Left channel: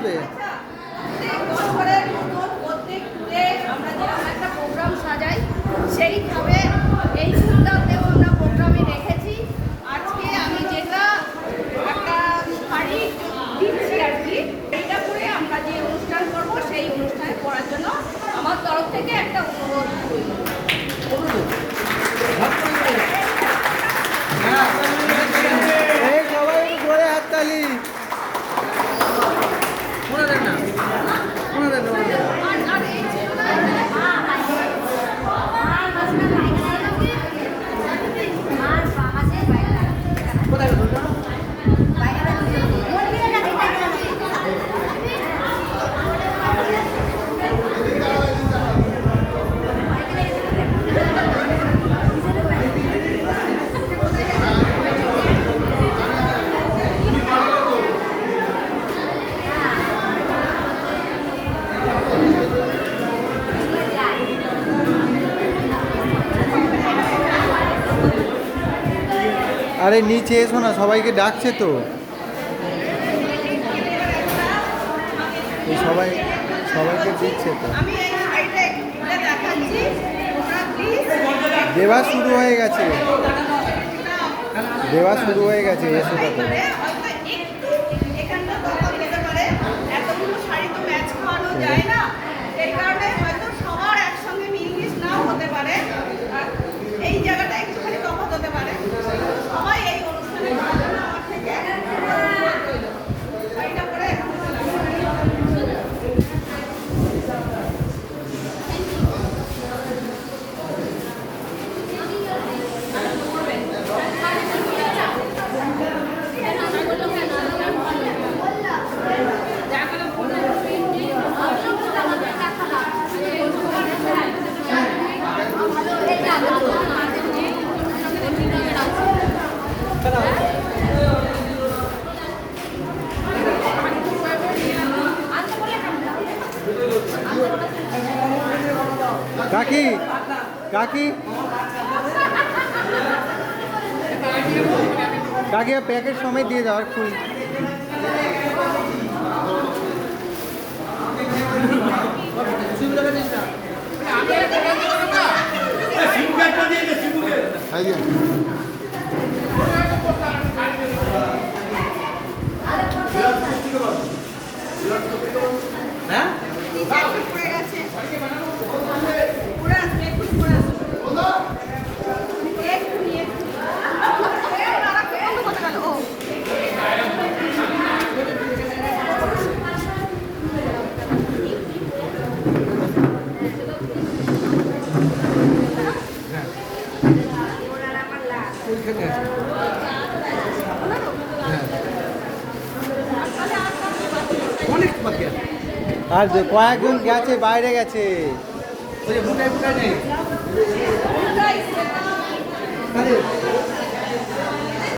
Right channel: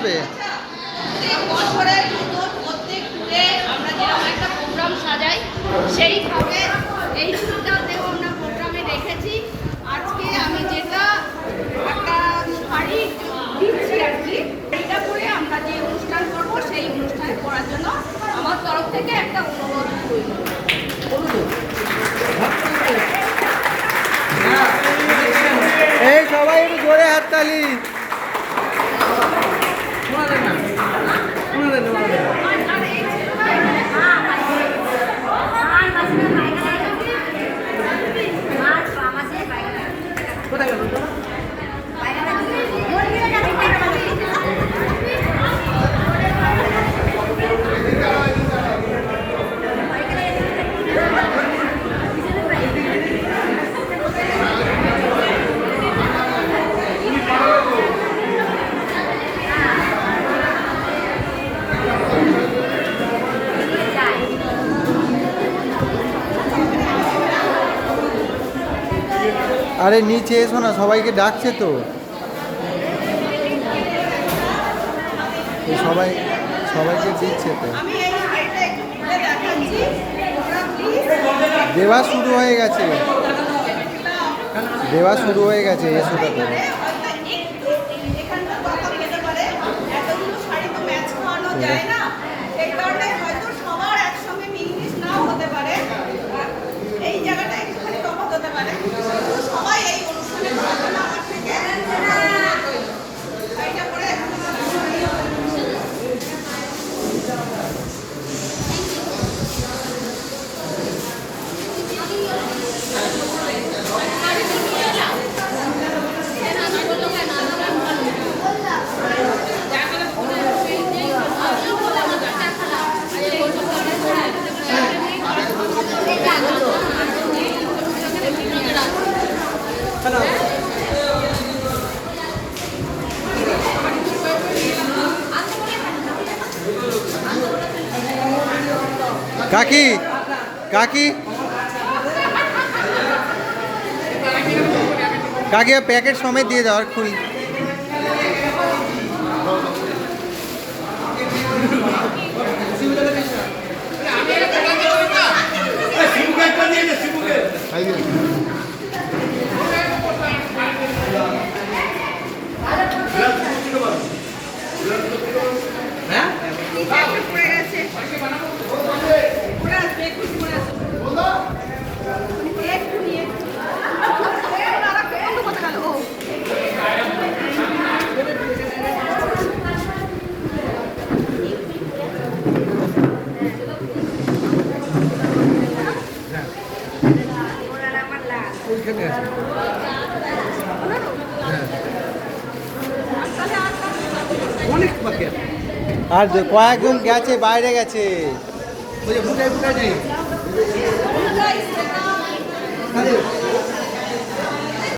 আসবে? বছরের মতো প্রত্যেক ট্যুরে আমরা যেরকম একটা প্রোগ্রাম সাজাই সেইভাবে এই আমরা প্রোগ্রামে রেখেছি। আজকে আমি যেটা একটা শাড়ি দিচ্ছি আর কি এইটা করে আমরা যে অনুষ্ঠান করব সেই অনুষ্ঠানে করার জন্য আমার তরফ থেকে একটা অনুরোধ করব এই সবাই জোরে হাততালি। Gracias. আরে নিচে এসো না সবাইকে ডাকছে তো। এই সবাই সবাইকে দিচ্ছে তো। দেওয়া শুরু হয়ে গেছে। দেওয়া শুরু হয়ে গেছে এসো তাতে হয়তো একটু এখানটা তফাৎ হতে পারে। এতগুলো শাড়ি তো যায় না। কাকি কাকি কাকি প্যাকেট সমেত দিয়ে দাও আর কুড়ি অনেক বাকি আর কয়েকজন গেছে বাইরে গেছে। ওই যে মোটাই মোটাই নেই।